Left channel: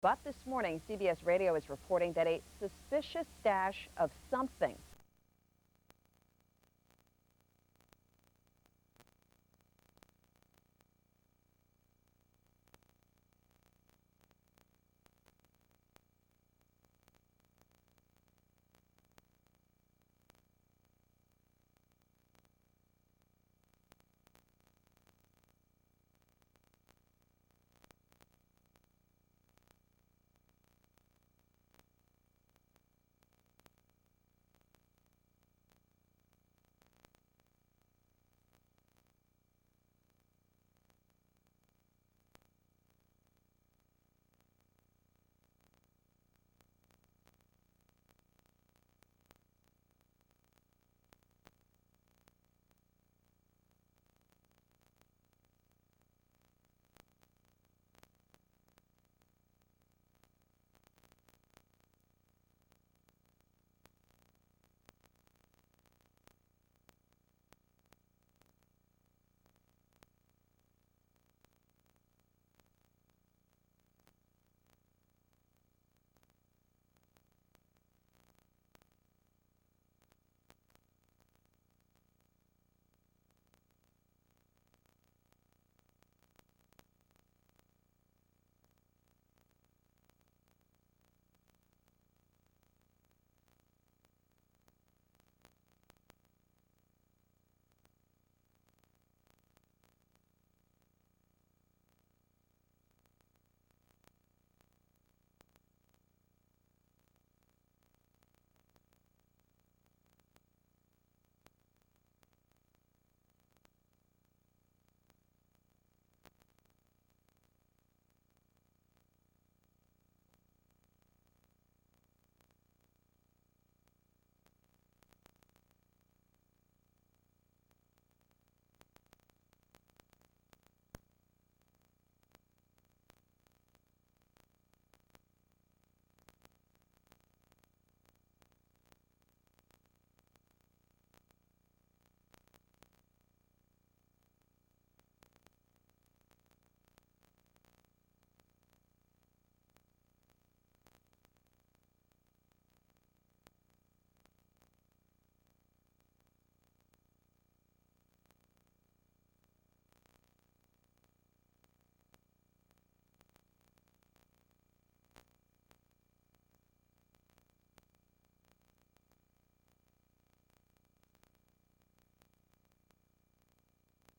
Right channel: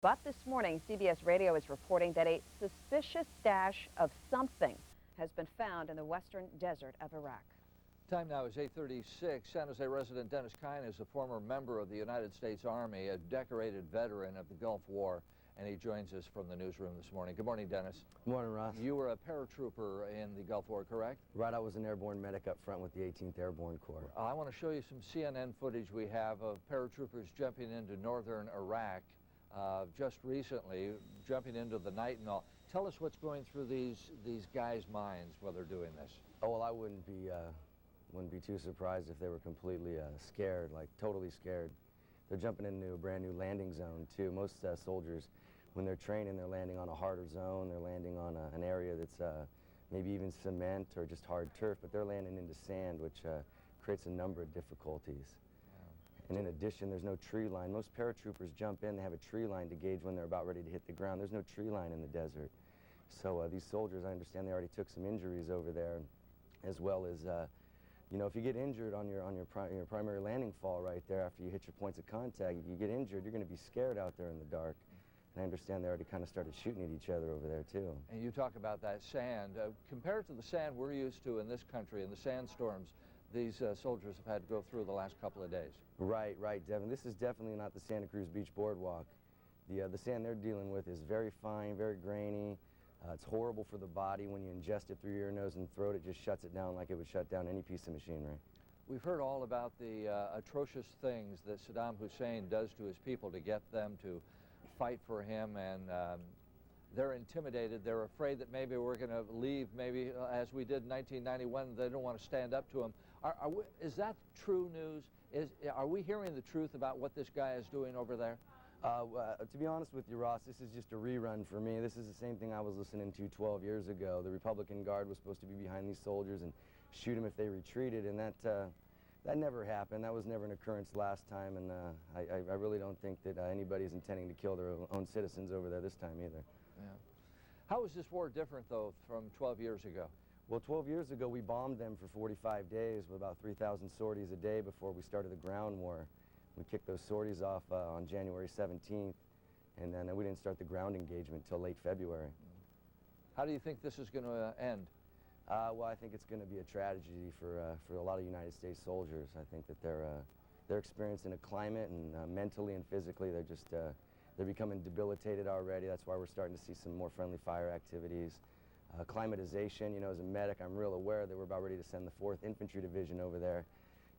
But this morning, CBS Radio is reporting that a suspicious stash of something has been found in the western desert of Iraq. Time now is 8:36. San Jose resident Dennis Kyne is a former member of the United States Army, a decorated veteran of the Gulf War, and he joins us from the newsroom this morning. Good morning, Dennis. Good morning, Ross. You were a paratrooper in the Gulf War, correct? Right, I was an airborne medic up front with the 18th Airborne Corps. I want to show you some CNN footage we have of paratroopers jumping into northern Iraq just recently, jumping into the night and all. Tell us what's going through these guys' minds while they're doing this. Oh, well, I wouldn't be too surprised if they were completely scared, like totally scared. They're jumping into a brand new landing zone too. Most soldiers, when they're training, they're landing on a harder zone. They're landing on an area that's maybe even cement or just hard turf, but they're landing into sand, which creates a number of difficulties. And in addition, there's no tree line. Most paratroopers jump in, they have a tree line to gauge when they're about ready to hit the ground. There's no tree line in the desert. So these soldiers, I understand they already took some injuries over there, as well as, you know, if you get injured on your primary landing fall right there after you hit your points of contact, if you get injured, you're going to be scared out there in the dark. And I understand they already kind of started shooting at each other over there, too. And you talk about that sand. Compared to the sand we're used to in this country, and the sandstorms these soldiers have had to go through the last couple of days. Right, Devin. This is definitely not the Santa Cruz Beach Boardwalk. The sand they're dealing with is very fine, very grainy. It's horrible for the body. When you ingest it through your nose and throat, it just shuts it down like it would shut down any piece of machinery. We've heard all about the atrocious things that Saddam Hussein does to his people to get them to fight for him, and they're intimidated. They're afraid that maybe we're going to leave, maybe as we did in 1991. They don't want to stand up to him. Is that true news? Are we hearing the truth about what this guy is doing over there? To be honest with you, Ross, this is just a rerun for me. This is the same thing I was listening to 12 years ago. The Republican Guard was supposed to be behind these soldiers and shoot them if they retreated, and that never happened. That was never an occurrence last time, and I really don't think that anybody's intending to kill their own citizens over there this time either. Yeah. How is this war different, though, from 12 years ago? Well, 12 years ago, we bombed them for 45 days with about 3,000 sorties a day before we started the ground war. We kicked those sorties off on January 17th, and then we didn't start the ground engagement until late February. How do you think this is going to end? Well, I think it's going to be a tragedy for a lot of United States soldiers. I think that they're experiencing a climate, and mentally and physically, they're becoming debilitated already. That's why we're starting to see some more friendly fire activities. Acclimatization, you know, as a medic, I'm real aware that we're about ready to send the 4th Infantry Division over there.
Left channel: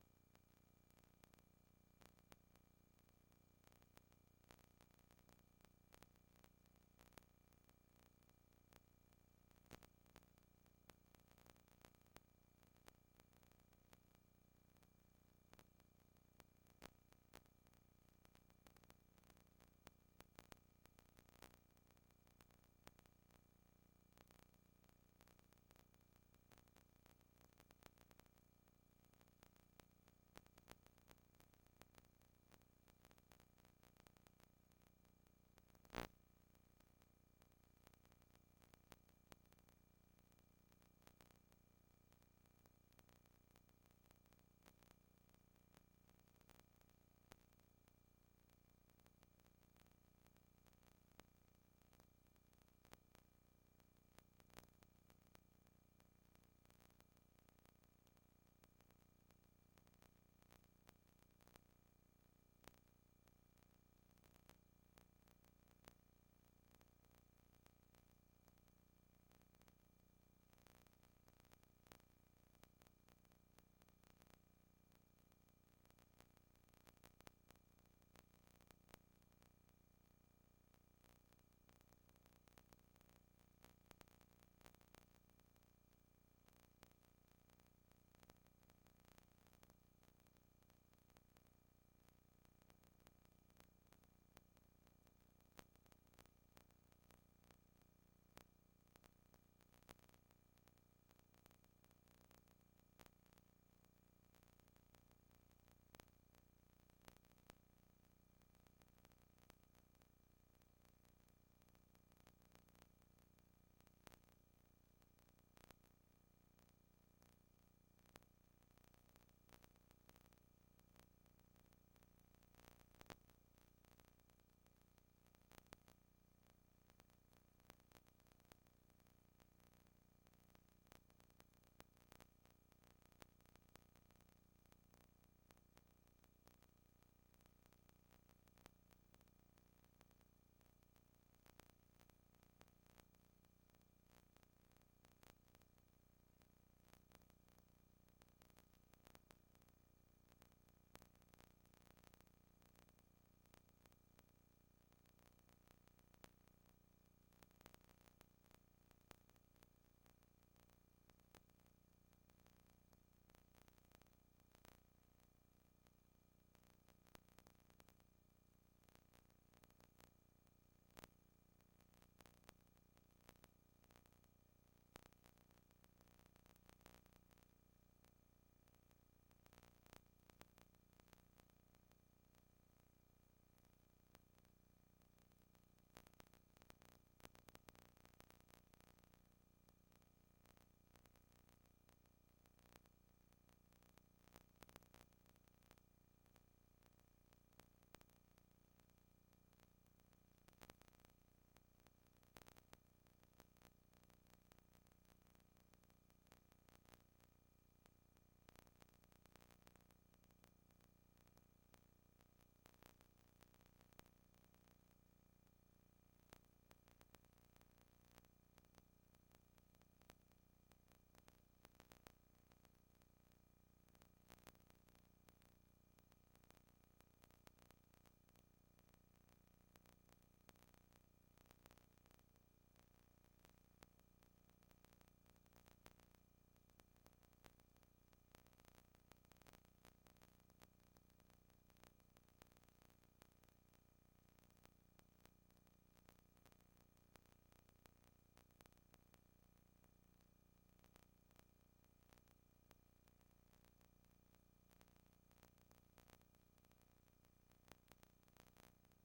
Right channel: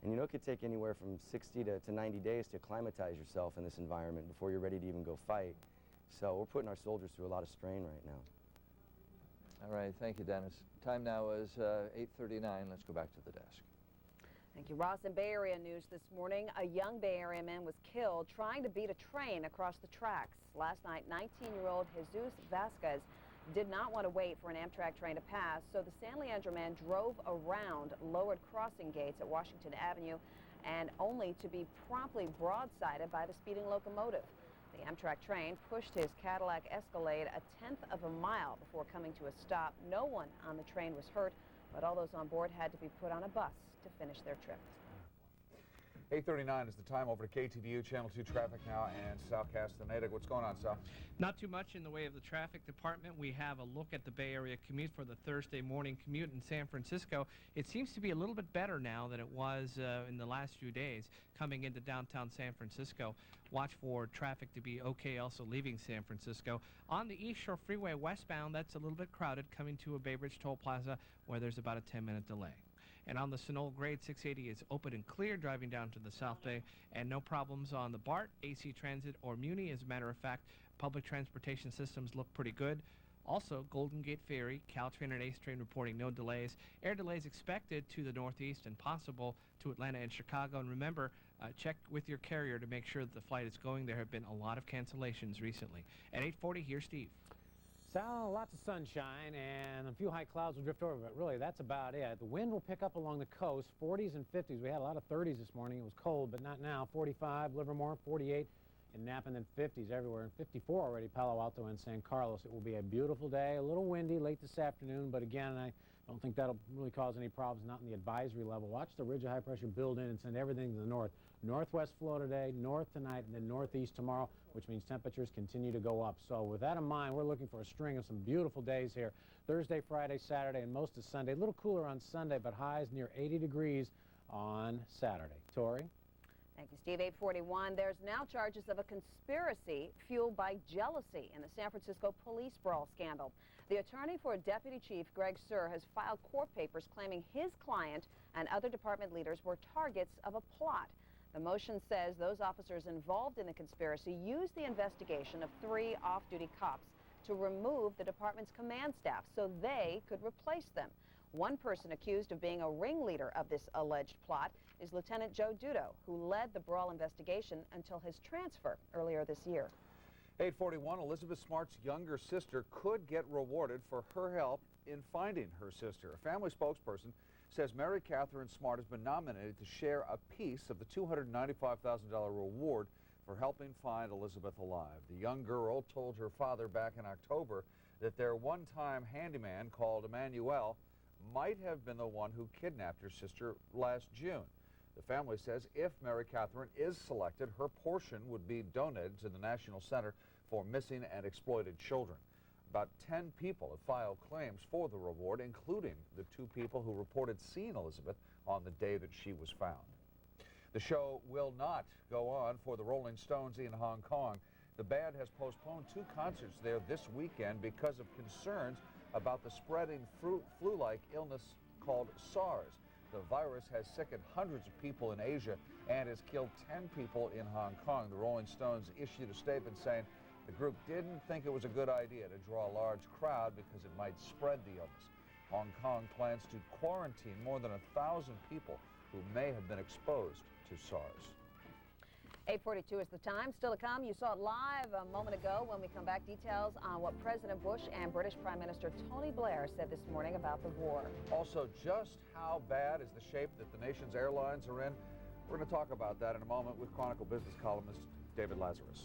And you know, it could take anywhere from 60 to 90 days to acclimatize yourself in this environment before you're ready to even go fight. So we're putting our soldiers through a lot of strain right now. All right, thank you, Dennis. Time now is 8:39. Let's go back to the desk. Thank you, Ross. In Bay Area news this morning, a young Bay Area man was killed trying to beat a train across the tracks. Last night, 19-year-old Jesus Vasquez did not want to wait for an Amtrak train to pass, so the San Leandro man drove around lowered crossing gates at Washington Avenue, and only to be promptly broadsided by the speeding locomotive. The Amtrak train pushed his Cadillac Escalade a tenth of a mile before coming to a stop. No one on the train was hurt, but all those on board had to be put on a bus to finish their trip. 8:39 is the time. Over to KTVU, Channel 2 traffic now, and Sal Castaneda. What's going on, Sal? Not too much in the way of the traffic department. We have a look at the Bay Area commute for the Thursday morning commute in San Francisco. It seems to be a little bit better now than it was in the last few days coming into downtown San Francisco. Watch for traffic to be okay also leaving San Francisco. On the East Shore Freeway westbound, that's a little bit crowded coming to a Bay Bridge Toll Plaza where there's about a 10-minute delay. And on the Sunol Grade 680 is open and clear driving down to the South Bay, and no problems on the BART, AC Transit, or Muni. As a matter of fact, public transportation systems look pretty good. Also, Golden Gate Ferry, Caltrain, and Ace Train reporting no delays. Air delays expected to the northeast and possible to Atlanta and Chicago. And remember, check with your carrier to make sure that the flight is going. There have been a lot of cancellations recently. At 8:40, here's Steve. Sal, lots of sunshine and a few high clouds will drift over, but really that's about it. The wind will pick up along the coast, 40s and 50s. We had a lot of 30s this morning. It was cold, but not now. 45 Livermore, 48 in Napa, and then 50s everywhere, and 54 already Palo Alto and San Carlos. It will be a beautiful day, a little windy late this afternoon, but again, Don't think that'll really cause any problems, not in the advisory level. Watch the ridge of high pressure build in and send everything to the north. Northwest flow today, north tonight, and then northeast tomorrow, which means temperatures continue to go up. So with that in mind, we're looking for a string of some beautiful days here. Thursday, Friday, Saturday, and most of Sunday. A little cooler on Sunday, but highs near 80 degrees on Saturday. Tori? Thank you, Steve. 841. There's now charges of a conspiracy fueled by jealousy in the San Francisco police brawl scandal. The attorney for Deputy Chief Greg Suhr has filed court papers claiming his client and other department leaders were targets of a plot. The motion says those officers involved in the conspiracy used the investigation of 3 off-duty cops to remove the department's command staff so they could replace them. One person accused of being a ringleader of this alleged plot is Lieutenant Joe Dudo, who led the brawl investigation until his transfer earlier this year. 841, Elizabeth Smart's younger sister could get rewarded for her help in finding her sister. A family spokesperson says Mary Catherine Smart has been nominated to share a piece of the $295,000 reward for helping find Elizabeth alive. The young girl told her father back in October that their one-time handyman called Emmanuel might have been the one who kidnapped her sister last June. The family says if Mary Catherine is selected, her portion would be donated to the National Center for Missing and Exploited Children. About 10 people have filed claims for the reward, including the 2 people who reported seeing Elizabeth on the day that she was found. The show will not go on for the Rolling Stones in Hong Kong. The band has postponed 2 concerts there this weekend because of concerns about the spreading flu-like illness called SARS. The virus has sickened hundreds of people in Asia and has killed 10 people in Hong Kong. The Rolling Stones issued a statement saying the group didn't think it was a good idea to draw a large crowd because it might spread the illness. Hong Kong plans to quarantine more than 1,000 people who may have been exposed to SARS. 842 is the time. Still to come, you saw it live a moment ago. When we come back, details on what President Bush and British Prime Minister Tony Blair said this morning about the war. Also, just how bad is the shape that the nation's airlines are in? We're going to talk about that in a moment with Chronicle business columnist David Lazarus.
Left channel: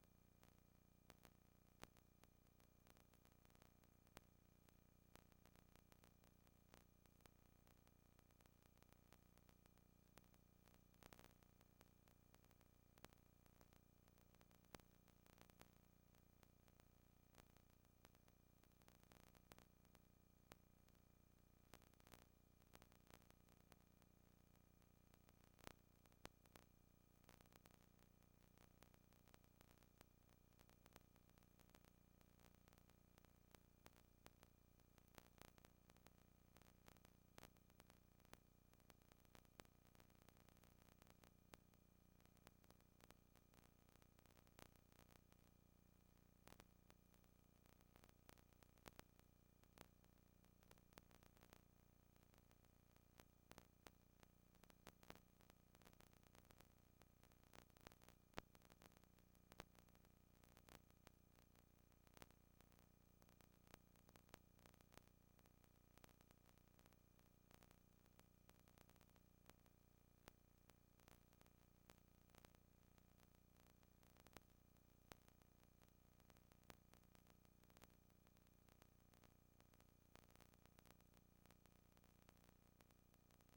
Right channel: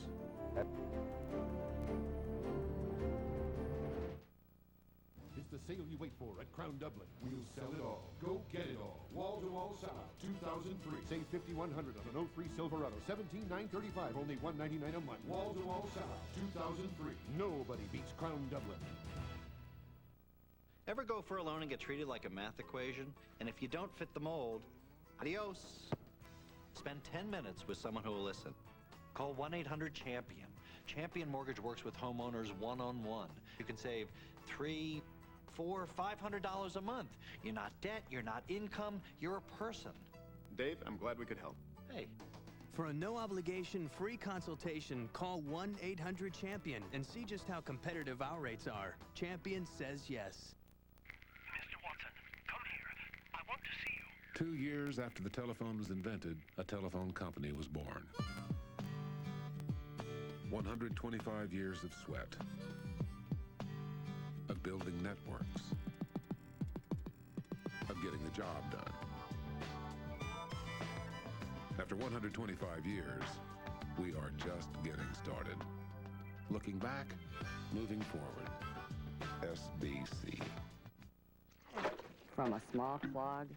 It's the sale you wait for at Crown Dublin. We'll sell it all. Go get it all. Wall-to-wall sellout 2003. Save $5,100 on an 03 Silverado. $17,935. Only $199 a month. Wall-to-wall sellout 2003. Nobody beats Crown Dublin. Ever go for a loan and get treated like a math equation? And if you don't fit the mold, adios. Spend 10 minutes with someone who will listen. Call 1-800-CHAMPION. Champion Mortgage works with homeowners one-on-one. You can save $300, $400, $500 a month. You're not debt, you're not income, you're a person. Dave, I'm glad we could help. Hey. For a no-obligation free consultation, call 1-800-CHAMPION and see just how competitive our rates are. Champion says yes. Mr. Watson, come here. I want to see you. 2 years after the telephone was invented, a telephone company was born. 125 years of sweat, of building networks, of getting the job done. After 125 years, we are just getting started. Looking back, moving forward. SBC. From a small clog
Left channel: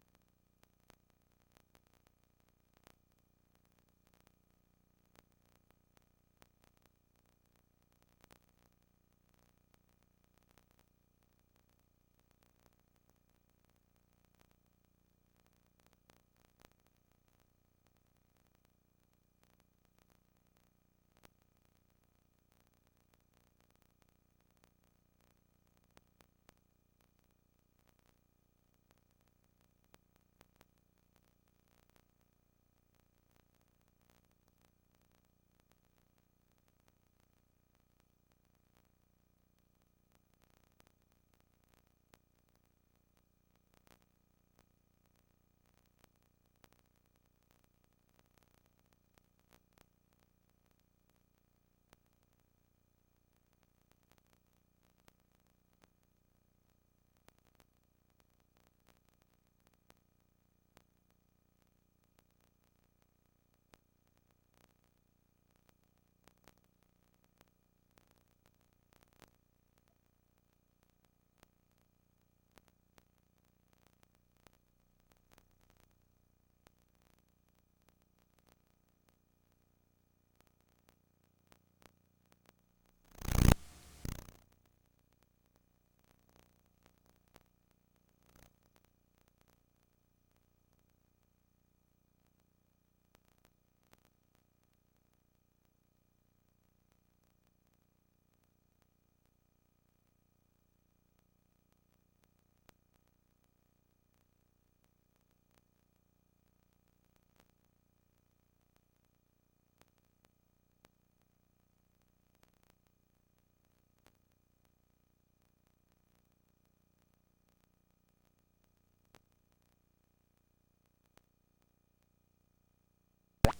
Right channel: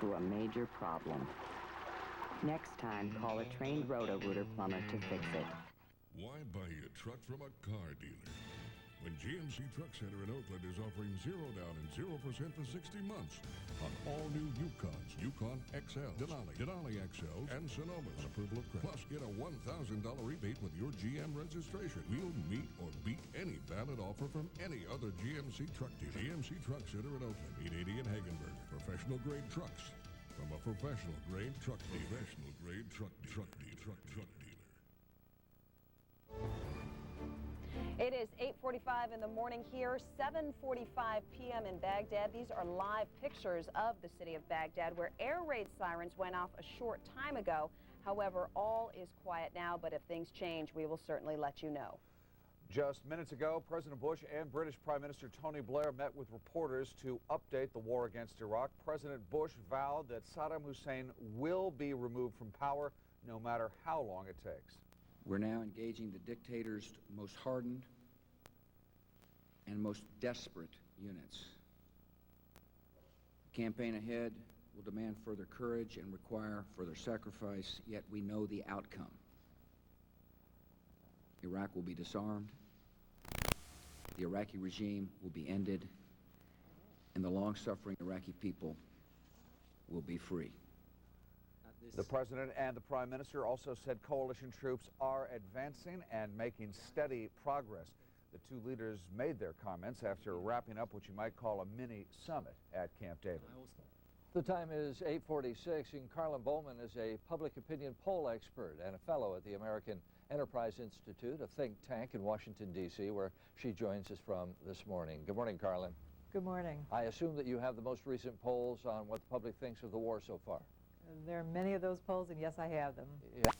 to a major problem. Next time, call a trained roto-rooter plumber to fix it. Why buy a truck from a car dealer when GMC Truck Center in Oakland is offering 0 down and 0% for 60 months on all new Yukons, Yukon XL, Denali XLs, and Sonomas. Approval of credit. Plus, get a $1,000 rebate with your GM registration. We'll meet or beat any valid offer from any other GMC truck dealer. GMC Truck Center in Oakland, 880 in Hagenberg. Professional grade trucks from a professional grade truck dealer. Professional grade truck dealer. It is 8:45 in the morning here, 7:45 p.m. in Baghdad. These are live pictures of the city of Baghdad where air raid sirens went off a short time ago. However, all is quiet now, but if things change, we will certainly let you know. Just minutes ago, President Bush and British Prime Minister Tony Blair met with reporters to update the war against Iraq. President Bush vowed that Saddam Hussein will be removed from power no matter how long it takes. We're now engaging the dictator's most hardened and most desperate units. The campaign ahead will demand further courage and require further sacrifice, yet we know the outcome. Iraq will be disarmed, the Iraqi regime will be ended, and the long-suffering Iraqi people will be free. The President and the Prime Minister also said coalition troops are advancing and making steady progress. The two leaders made their comments after wrapping up what you might call a mini summit at Camp David. The time is 8:46, and Carlin Bowman is a public opinion poll expert and a fellow at the American Enterprise Institute, a think tank in Washington, D.C., where she joins us from this morning. Good morning, Carlin. Good morning. I assume that you have the most recent polls on what the public thinks of the war so far. There are many of those polls, and yes, I have them. Yeah.